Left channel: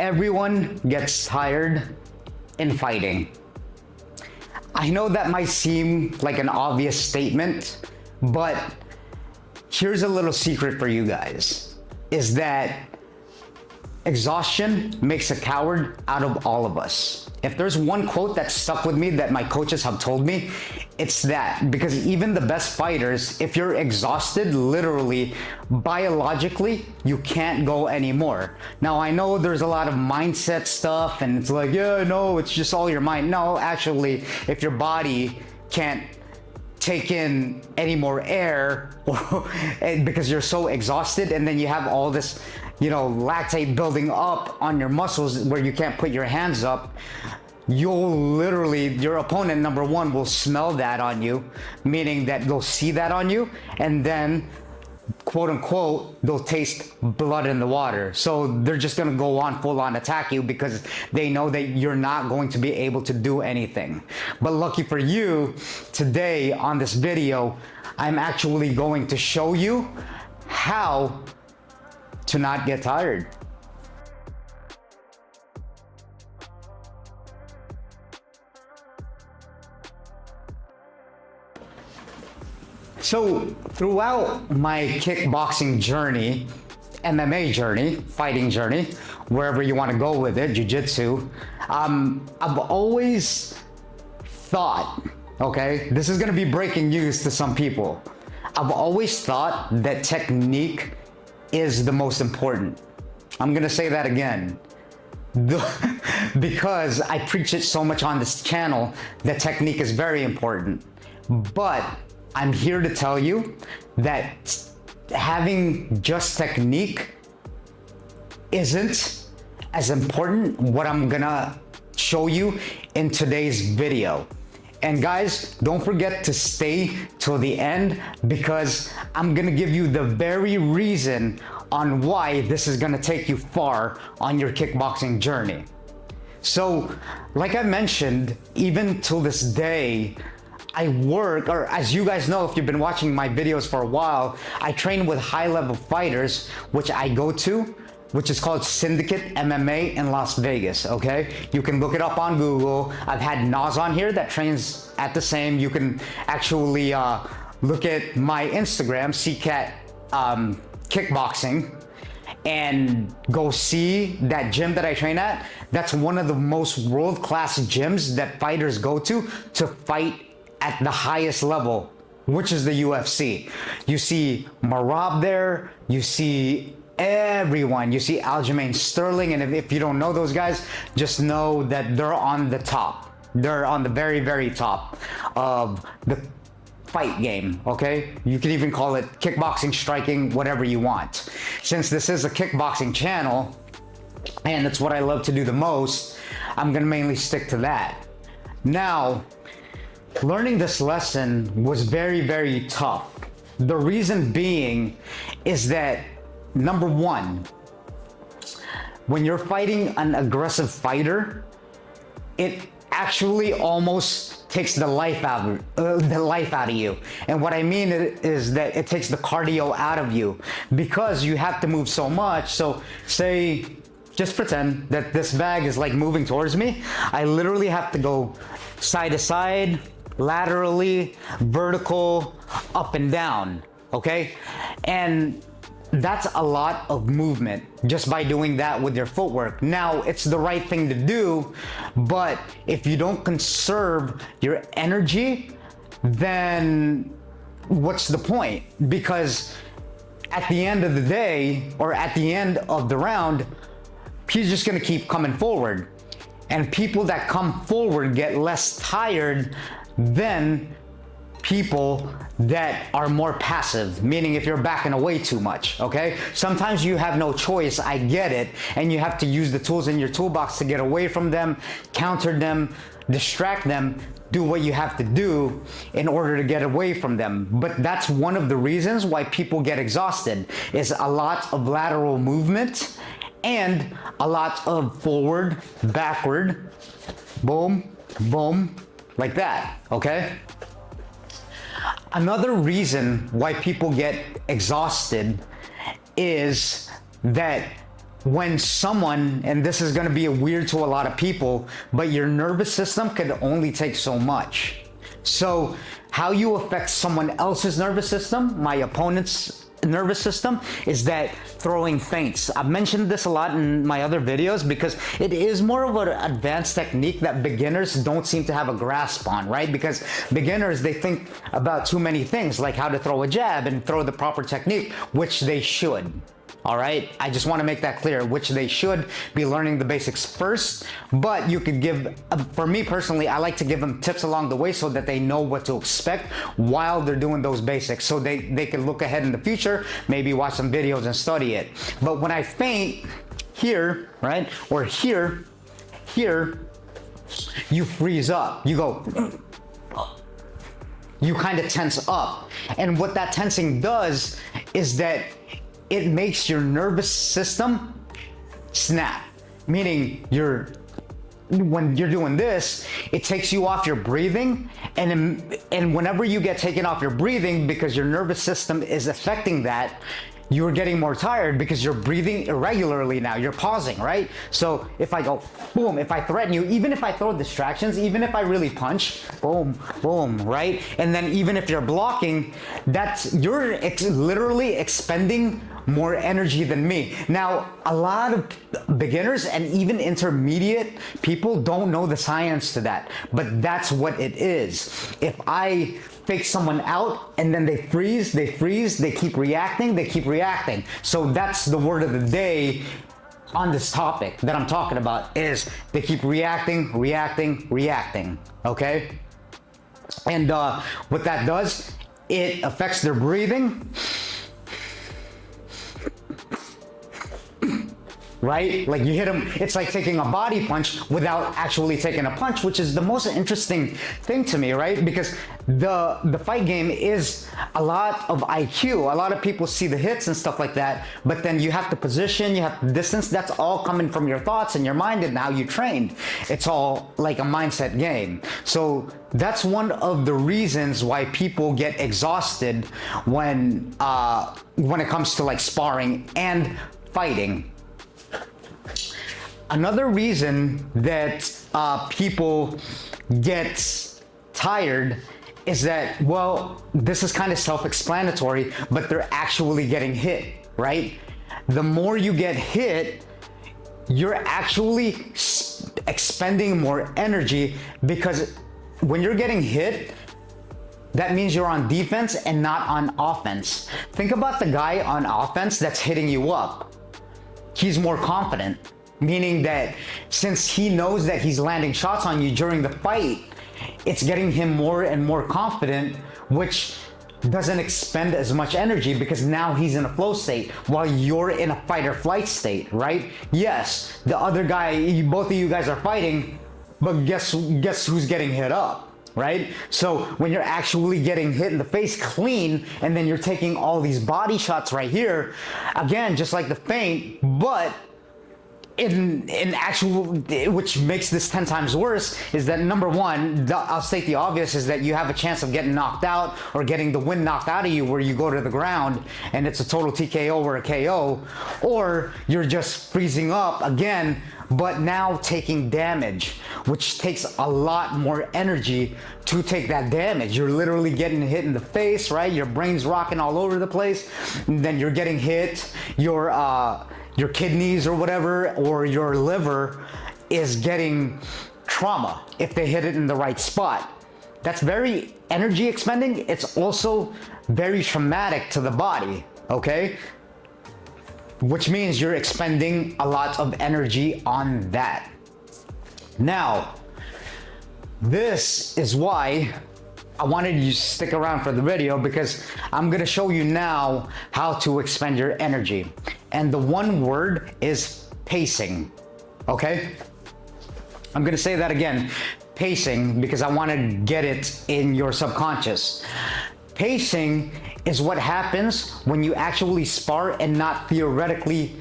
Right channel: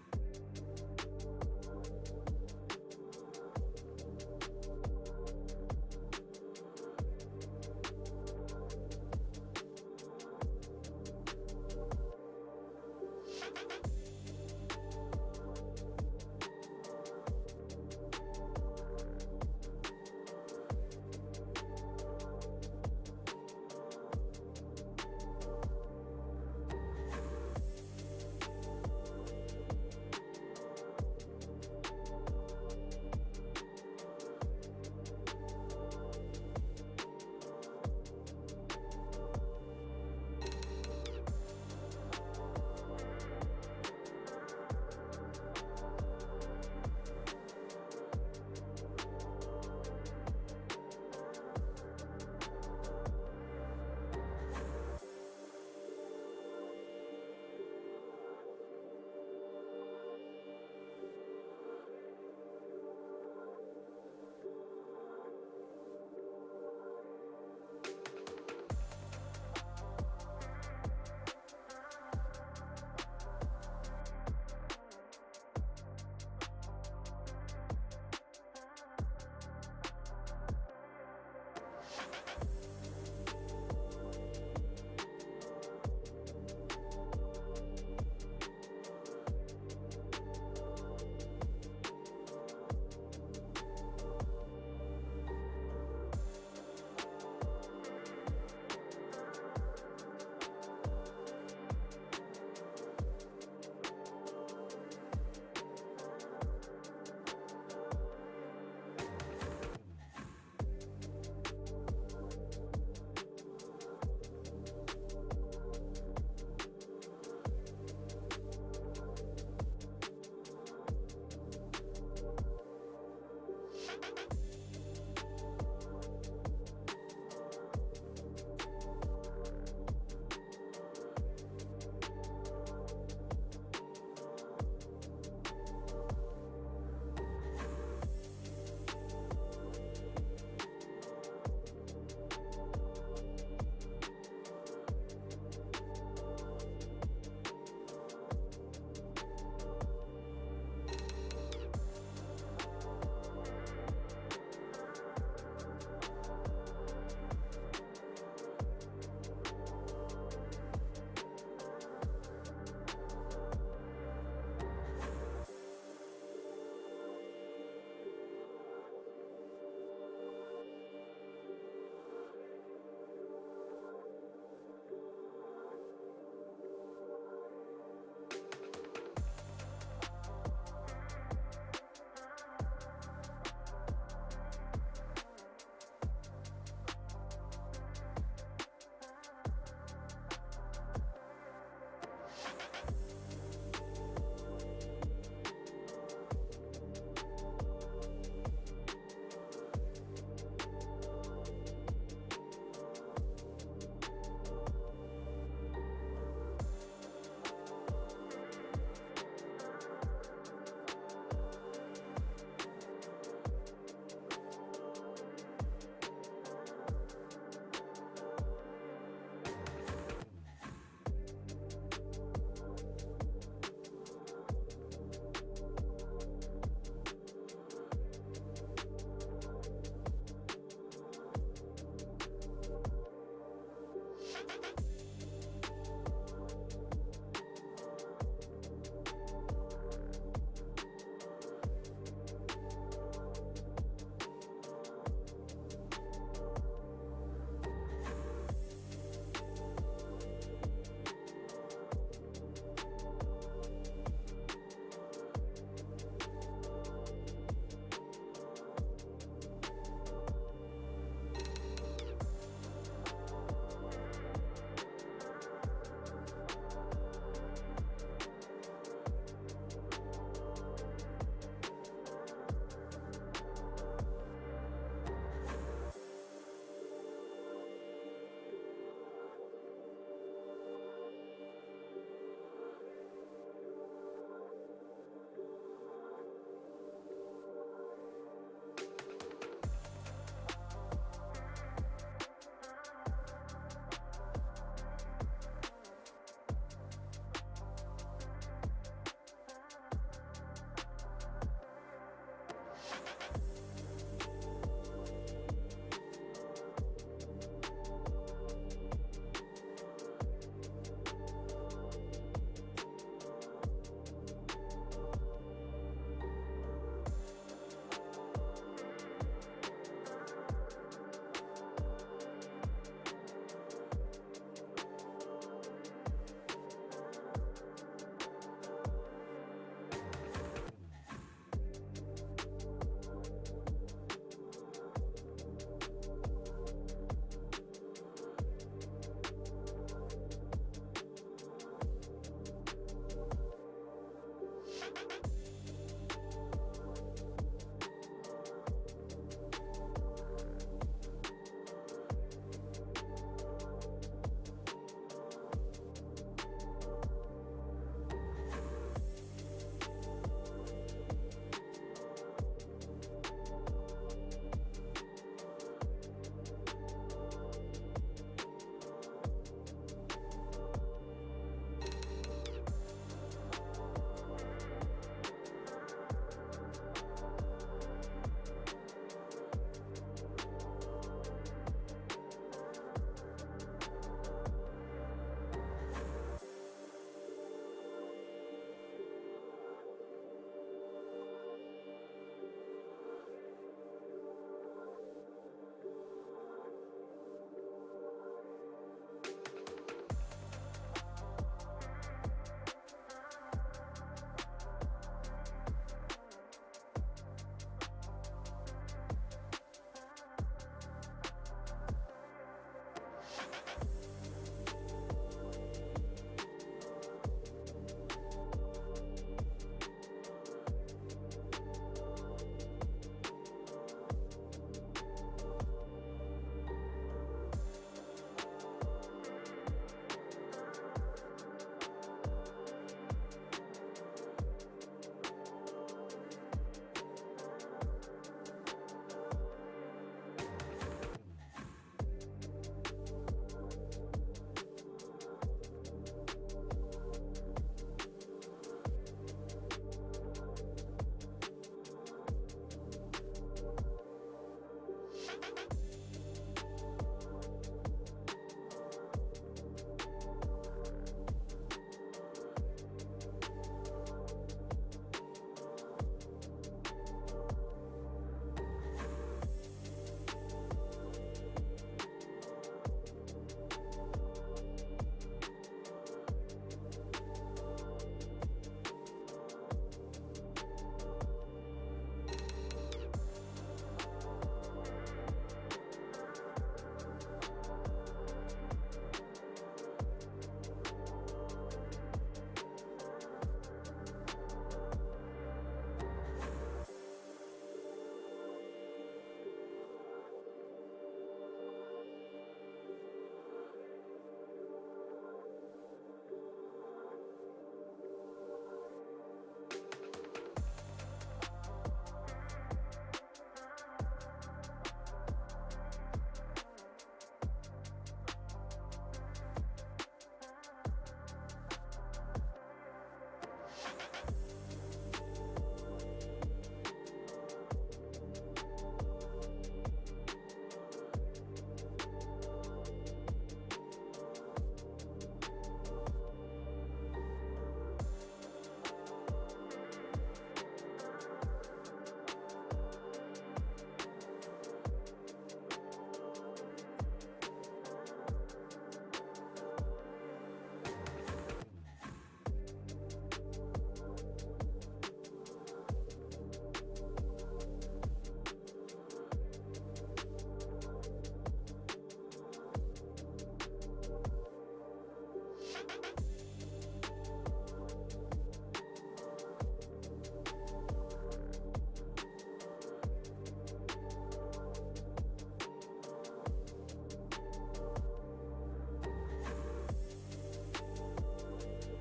Everyone gets tired in fighting. I know that might seem like an obvious statement, but here's a little secret for you guys, is that exhaustion makes a coward out of all of us. If there's one quote that stuck with me that my coaches have told me, it's that. Because even the best fighters, if you're exhausted, literally, biologically, you can't go anymore. Now, I know there's a lot of mindset stuff, and it's like, yeah, no, it's just all your mind. No, actually, if your body can't take in any more air because you're so exhausted, and then you have all this, lactate building up on your muscles where you can't put your hands up, your opponent, number one, will smell that on you, meaning that they'll see that on you, and then, quote unquote, they'll taste blood in the water. So they're just gonna go on full on attack you because they know that you're not going to be able to do anything. But lucky for you, today on this video, I'm actually going to show you how to not get tired. So throughout my kickboxing journey, MMA journey, fighting journey, wherever you want to go with it, jiu-jitsu, I've always thought, okay, this is going to be breaking news to some people. I've always thought that technique is the most important. I'm going to say that again. Because I preach it so much on this channel that technique is very important. But I'm here to tell you that having just technique isn't as important what I'm gonna show you in today's video. And guys, don't forget to stay till the end, because I'm gonna give you the very reason on why this is gonna take you far on your kickboxing journey. So, like I mentioned, even till this day, I work, or as you guys know, if you've been watching my videos for a while, I train with high-level fighters, which I go to, which is called Syndicate MMA in Las Vegas, okay? You can look it up on Google. I've had Nas on here that trains at the same. You can actually look at my Instagram, Sicat Kickboxing, and go see that gym that I train at. That's one of the most world-class gyms that fighters go to fight at the highest level, which is the UFC. You see Marab there, you see everyone, you see Aljamain Sterling, and if you don't know those guys, just know that they're on the top. They're on the very, very top of the fight game, okay? You can even call it kickboxing, striking, whatever you want. Since this is a kickboxing channel, and it's what I love to do the most, I'm gonna mainly stick to that. Now, learning this lesson was very, very tough. The reason being is that, number one, when you're fighting an aggressive fighter, it actually almost takes the life out of you. And what I mean is that it takes the cardio out of you, because you have to move so much. So say, just pretend that this bag is like moving towards me. I literally have to go side to side, laterally, vertical, up and down, okay? And that's a lot of movement just by doing that with your footwork. Now, it's the right thing to do, but if you don't conserve your energy, then what's the point? Because at the end of the day, or at the end of the round, he's just gonna keep coming forward. And people that come forward get less tired than people that are more passive, meaning if you're backing away too much, okay? Sometimes you have no choice, I get it, and you have to use the tools in your toolbox to get away from them, counter them, distract them, do what you have to do in order to get away from them. But that's one of the reasons why people get exhausted, is a lot of lateral movement and a lot of forward, backward, boom, boom, like that, okay? Another reason why people get exhausted is that when someone, and this is gonna be weird to a lot of people, but your nervous system can only take so much. So how you affect someone else's nervous system, my opponent's nervous system, is that throwing feints. I've mentioned this a lot in my other videos because it is more of an advanced technique that beginners don't seem to have a grasp on, right? Because beginners, they think about too many things, like how to throw a jab and throw the proper technique, which they should. All right, I just want to make that clear, which they should be learning the basics first, but you could give, for me personally, I like to give them tips along the way so that they know what to expect while they're doing those basics, so they can look ahead in the future, maybe watch some videos and study it. But when I feint here, right, or here, you freeze up, you go, you kind of tense up. And what that tensing does is that it makes your nervous system snap, meaning when you're doing this, it takes you off your breathing, and whenever you get taken off your breathing because your nervous system is affecting that, you're getting more tired because you're breathing irregularly now. You're pausing, right? So if I go boom, if I threaten you, even if I throw distractions, even if I really punch, boom, boom, right? And then even if you're blocking, you're literally expending more energy than me. Now, a lot of beginners and even intermediate people don't know the science to that, but that's what it is. If I fake someone out and then they freeze, they keep reacting. So that's the word of the day on this topic that I'm talking about, is they keep reacting, okay? And what that does, it affects their breathing, right? Like you hit them, it's like taking a body punch without actually taking a punch, which is the most interesting thing to me, right? Because the fight game is a lot of IQ. A lot of people see the hits and stuff like that, but then you have to position, you have to distance. That's all coming from your thoughts and your mind and how you trained. It's all like a mindset game. So that's one of the reasons why people get exhausted when it comes to like sparring and fighting. Another reason that people get tired is that, well, this is kind of self-explanatory, but they're actually getting hit, right? The more you get hit, you're actually expending more energy, because when you're getting hit, that means you're on defense and not on offense. Think about the guy on offense that's hitting you up. He's more confident, meaning that since he knows that he's landing shots on you during the fight, it's getting him more and more confident, which doesn't expend as much energy because now he's in a flow state while you're in a fight or flight state, right? Yes, the other guy, both of you guys are fighting, but guess who's getting hit up, right? So when you're actually getting hit in the face clean, and then you're taking all these body shots right here, again, just like the feint, but in actual, which makes this 10 times worse, is that number one, I'll state the obvious, is that you have a chance of getting knocked out or getting the wind knocked out of you where you go to the ground and it's a total TKO or a KO, or you're just freezing up again, but now taking damage, which takes a lot more energy to take that damage. You're literally getting hit in the face, right? Your brain's rocking all over the place, and then you're getting hit, your kidneys or whatever, or your liver is getting trauma if they hit it in the right spot. That's very energy expending. It's also very traumatic to the body, okay? Which means you're expending a lot of energy on that. Now, this is why I wanted you to stick around for the video, because I'm gonna show you now how to expend your energy. And the one word is pacing, okay? I'm gonna say that again, pacing, because I wanna get it in your subconscious. Pacing is what happens when you actually spar and not theoretically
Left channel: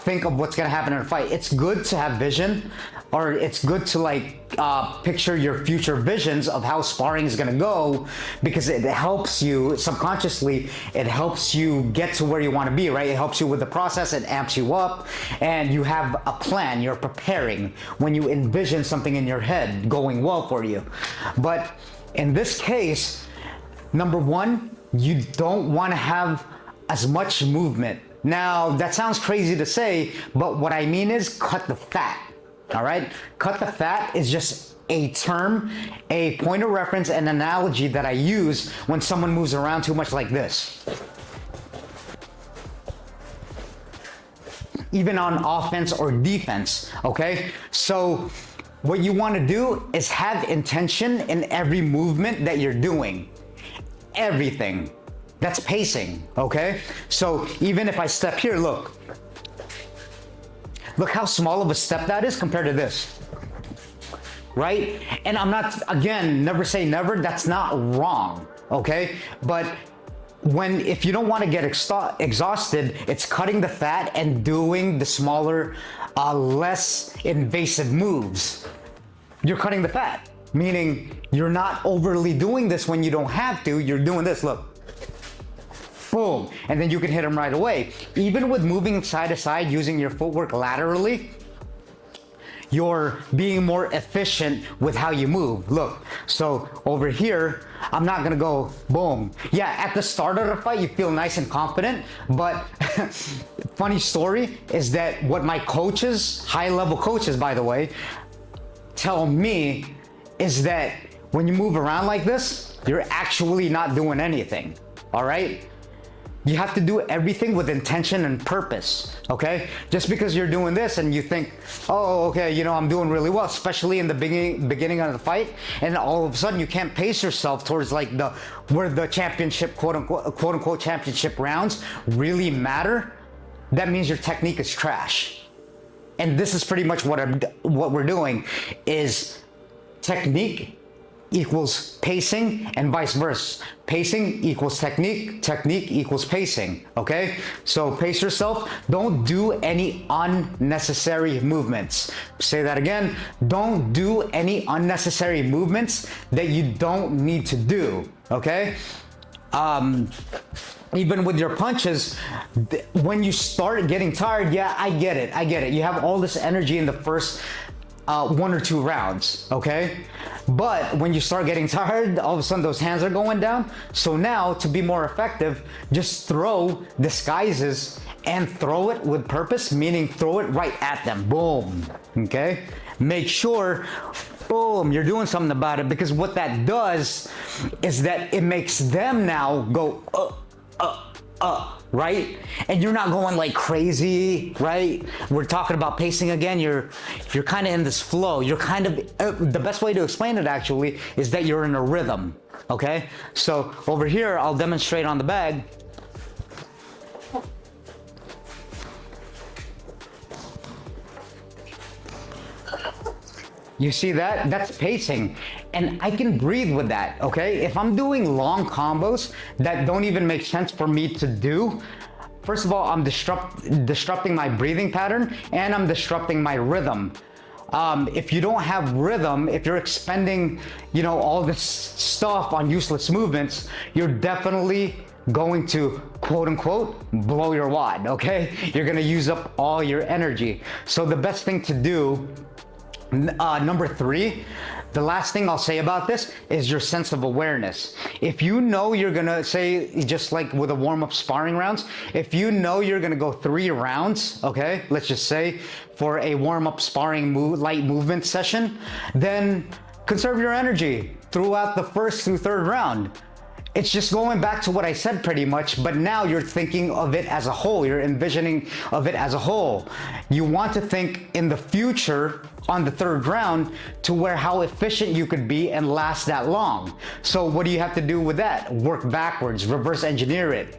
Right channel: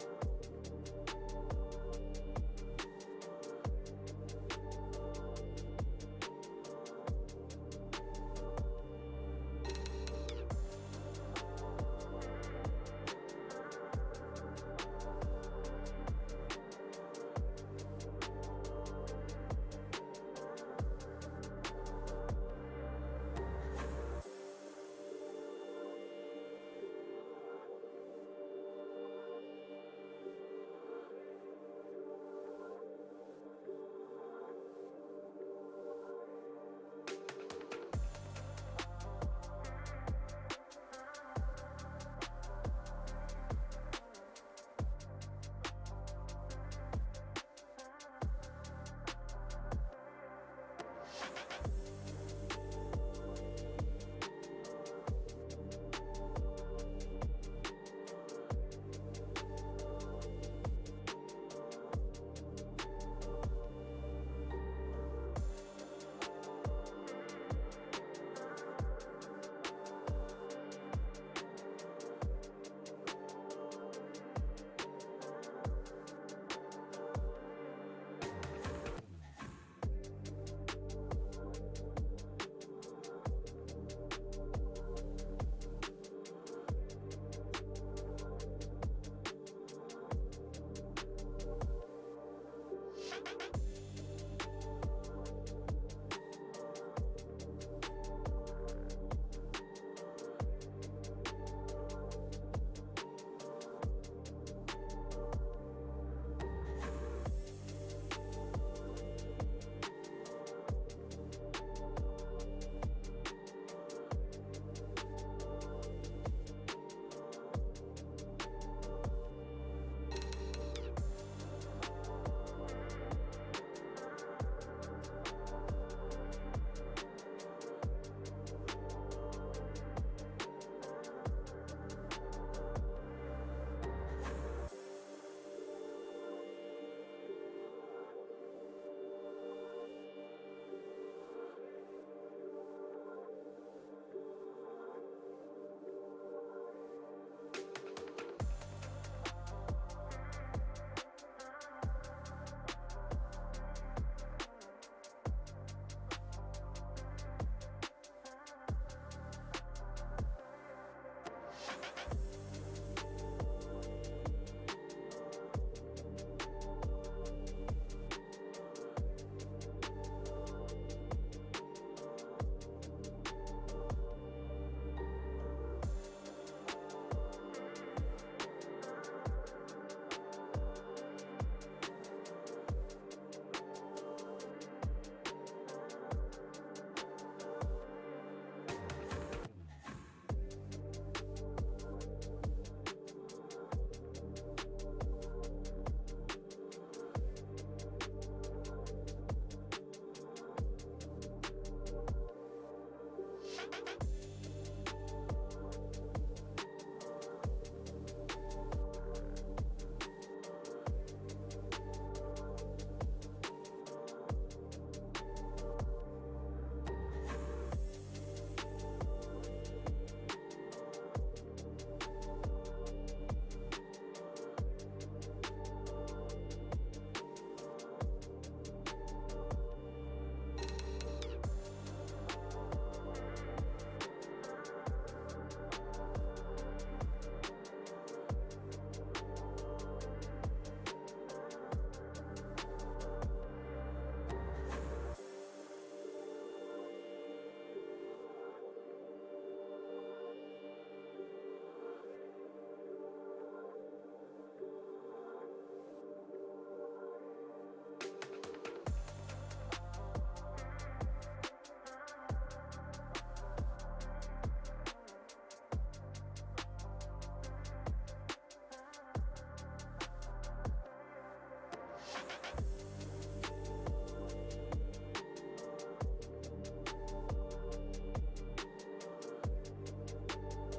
think of what's gonna happen in a fight. It's good to have vision, or it's good to like picture your future visions of how sparring is gonna go, because it helps you subconsciously, it helps you get to where you wanna be, right? It helps you with the process, it amps you up, and you have a plan, you're preparing when you envision something in your head going well for you. But in this case, number one, you don't wanna have as much movement. Now, that sounds crazy to say, but what I mean is cut the fat, all right? Cut the fat is just a term, a point of reference, an analogy that I use when someone moves around too much like this. Even on offense or defense, okay? So what you wanna do is have intention in every movement that you're doing. Everything. That's pacing, okay? So even if I step here, look how small of a step that is compared to this, right? And I'm not, again, never say never, that's not wrong, okay? But if you don't want to get exhausted, it's cutting the fat and doing the smaller, less invasive moves. You're cutting the fat, meaning you're not overly doing this when you don't have to, you're doing this, look. Boom, and then you can hit them right away. Even with moving side to side, using your footwork laterally, you're being more efficient with how you move. Look, so over here, I'm not gonna go boom. Yeah, at the start of the fight, you feel nice and confident, but funny story is that what my coaches, high-level coaches, by the way, tell me is that when you move around like this, you're actually not doing anything, all right? You have to do everything with intention and purpose, okay? Just because you're doing this and you think, oh, okay, you know, I'm doing really well, especially in the beginning of the fight, and all of a sudden you can't pace yourself towards like where the championship, quote unquote championship rounds really matter, that means your technique is trash. And this is pretty much what we're doing is technique equals pacing and vice versa. Pacing equals technique, technique equals pacing, okay? So pace yourself, don't do any unnecessary movements. Say that again, don't do any unnecessary movements that you don't need to do, okay? Even with your punches, when you start getting tired, yeah, I get it. You have all this energy in the first 1 or 2 rounds, okay? But when you start getting tired, all of a sudden those hands are going down. So now, to be more effective, just throw disguises and throw it with purpose, meaning throw it right at them. Boom, okay? Make sure, boom, you're doing something about it, because what that does is that it makes them now go, right? And you're not going like crazy, right? We're talking about pacing again. You're kind of in this flow. You're kind of, the best way to explain it actually is that you're in a rhythm, okay? So over here, I'll demonstrate on the bag. You see that? That's pacing. And I can breathe with that, okay? If I'm doing long combos that don't even make sense for me to do, first of all, I'm disrupting my breathing pattern, and I'm disrupting my rhythm. If you don't have rhythm, if you're expending, you know, all this stuff on useless movements, you're definitely going to, quote unquote, blow your wad, okay? You're gonna use up all your energy. So the best thing to do, number 3, the last thing I'll say about this is your sense of awareness. If you know you're gonna say, just like with a warm-up sparring rounds, if you know you're gonna go 3 rounds, okay, let's just say for a warm-up sparring light movement session, then conserve your energy throughout the first through 3rd round. It's just going back to what I said pretty much, but now you're thinking of it as a whole. You're envisioning of it as a whole. You want to think in the future on the 3rd round to where how efficient you could be and last that long. So what do you have to do with that? Work backwards, reverse engineer it,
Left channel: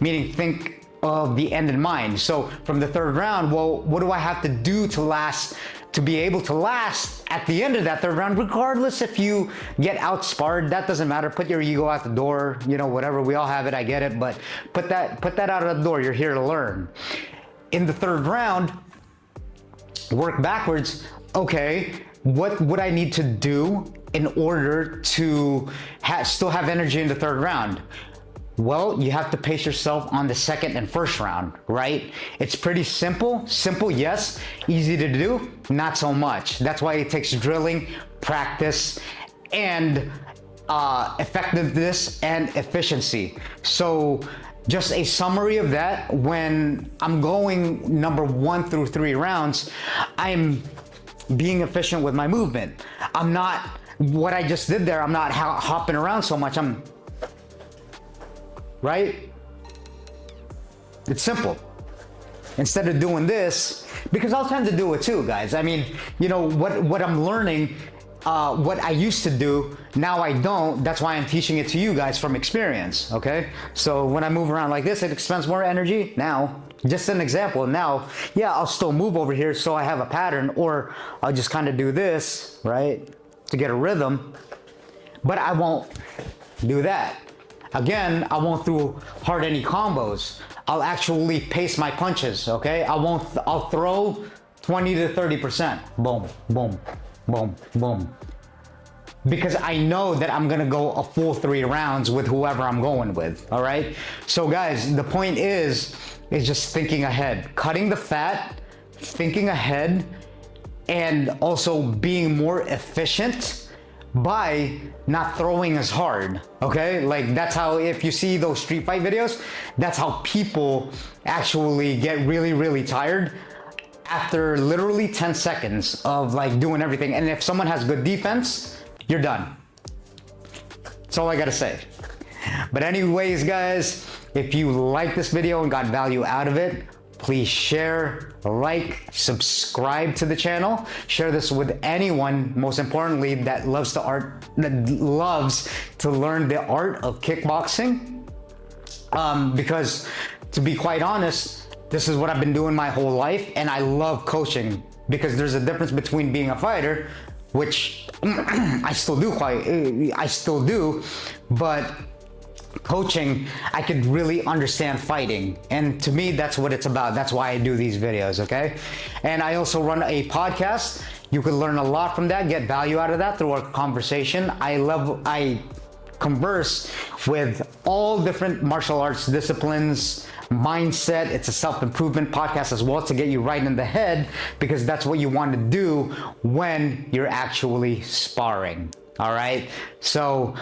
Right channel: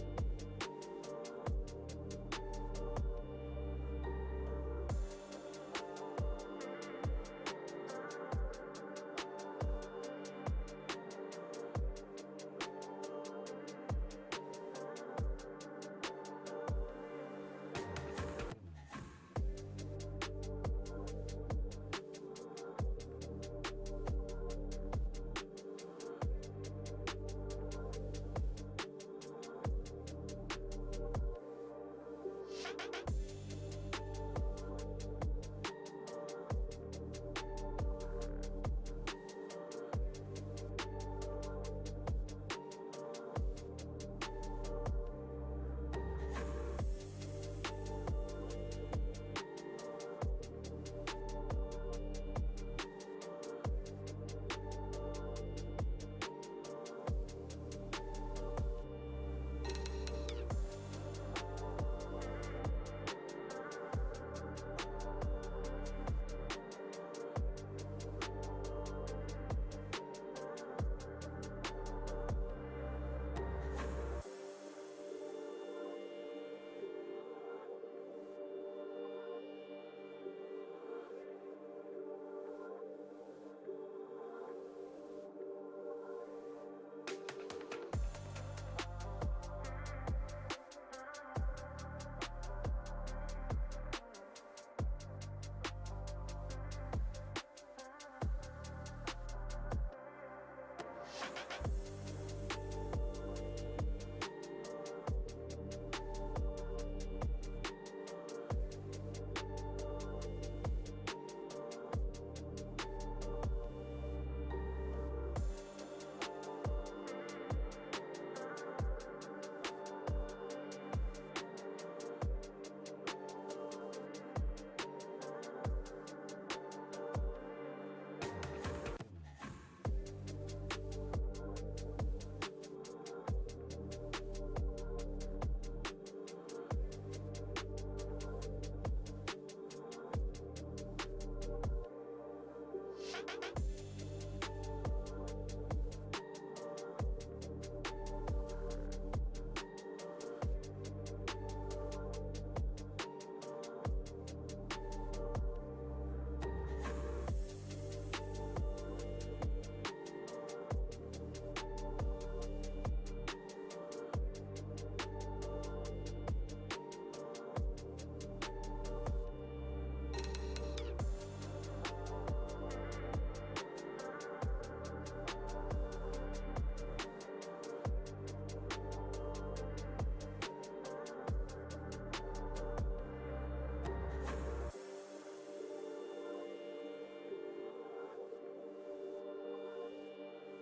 meaning think of the end in mind. So from the 3rd round, well, what do I have to do to be able to last at the end of that 3rd round, regardless if you get outsparred, that doesn't matter. Put your ego out the door, you know, whatever, we all have it, I get it, but put that out of the door. You're here to learn. in the third round, work backwards. Okay, what would I need to do in order to still have energy in the third round? Well, you have to pace yourself on the second and first round, right? It's pretty simple. Simple, yes. Easy to do, not so much. That's why it takes drilling, practice, and effectiveness and efficiency. So just a summary of that, when I'm going number 1 through 3 rounds, I'm being efficient with my movement. I'm not, what I just did there, I'm not hopping around so much. I'm, right? It's simple. Instead of doing this, because I'll tend to do it too, guys. I mean, you know, what I'm learning, what I used to do, now I don't. That's why I'm teaching it to you guys from experience, okay? So when I move around like this, it expends more energy. Now, just an example, now, yeah, I'll still move over here so I have a pattern, or I'll just kind of do this, right, to get a rhythm, but I won't do that. Again, I won't do hard any combos. I'll actually pace my punches, okay? I'll throw 20 to 30%. Boom, boom, boom, boom. Because I know that I'm gonna go a full 3 rounds with whoever I'm going with, all right? So guys, the point is just thinking ahead. Cutting the fat, thinking ahead, and also being more efficient by not throwing as hard, okay? Like, that's how, if you see those street fight videos, that's how people actually get really, really tired after literally 10 seconds of like doing everything. And if someone has good defense, you're done. That's all I gotta say. But anyways, guys, if you like this video and got value out of it, please share, like, subscribe to the channel. Share this with anyone, most importantly, that loves to learn the art of kickboxing. Because to be quite honest, this is what I've been doing my whole life, and I love coaching, because there's a difference between being a fighter, which I still do, but coaching, I could really understand fighting. And to me, that's what it's about. That's why I do these videos, okay? And I also run a podcast. You can learn a lot from that, get value out of that through our conversation. I converse with all different martial arts disciplines, mindset. It's a self-improvement podcast as well, to get you right in the head, because that's what you want to do when you're actually sparring, all right? So,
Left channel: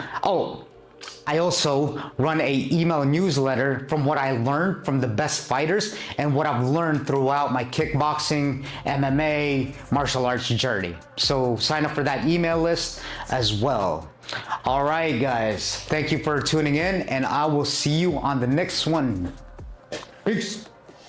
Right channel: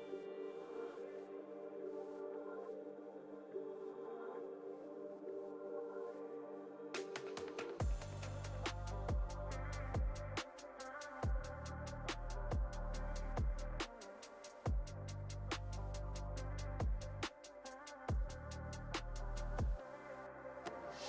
I also run a email newsletter from what I learned from the best fighters and what I've learned throughout my kickboxing, MMA, martial arts journey. So sign up for that email list as well. All right, guys, thank you for tuning in, and I will see you on the next one. Peace.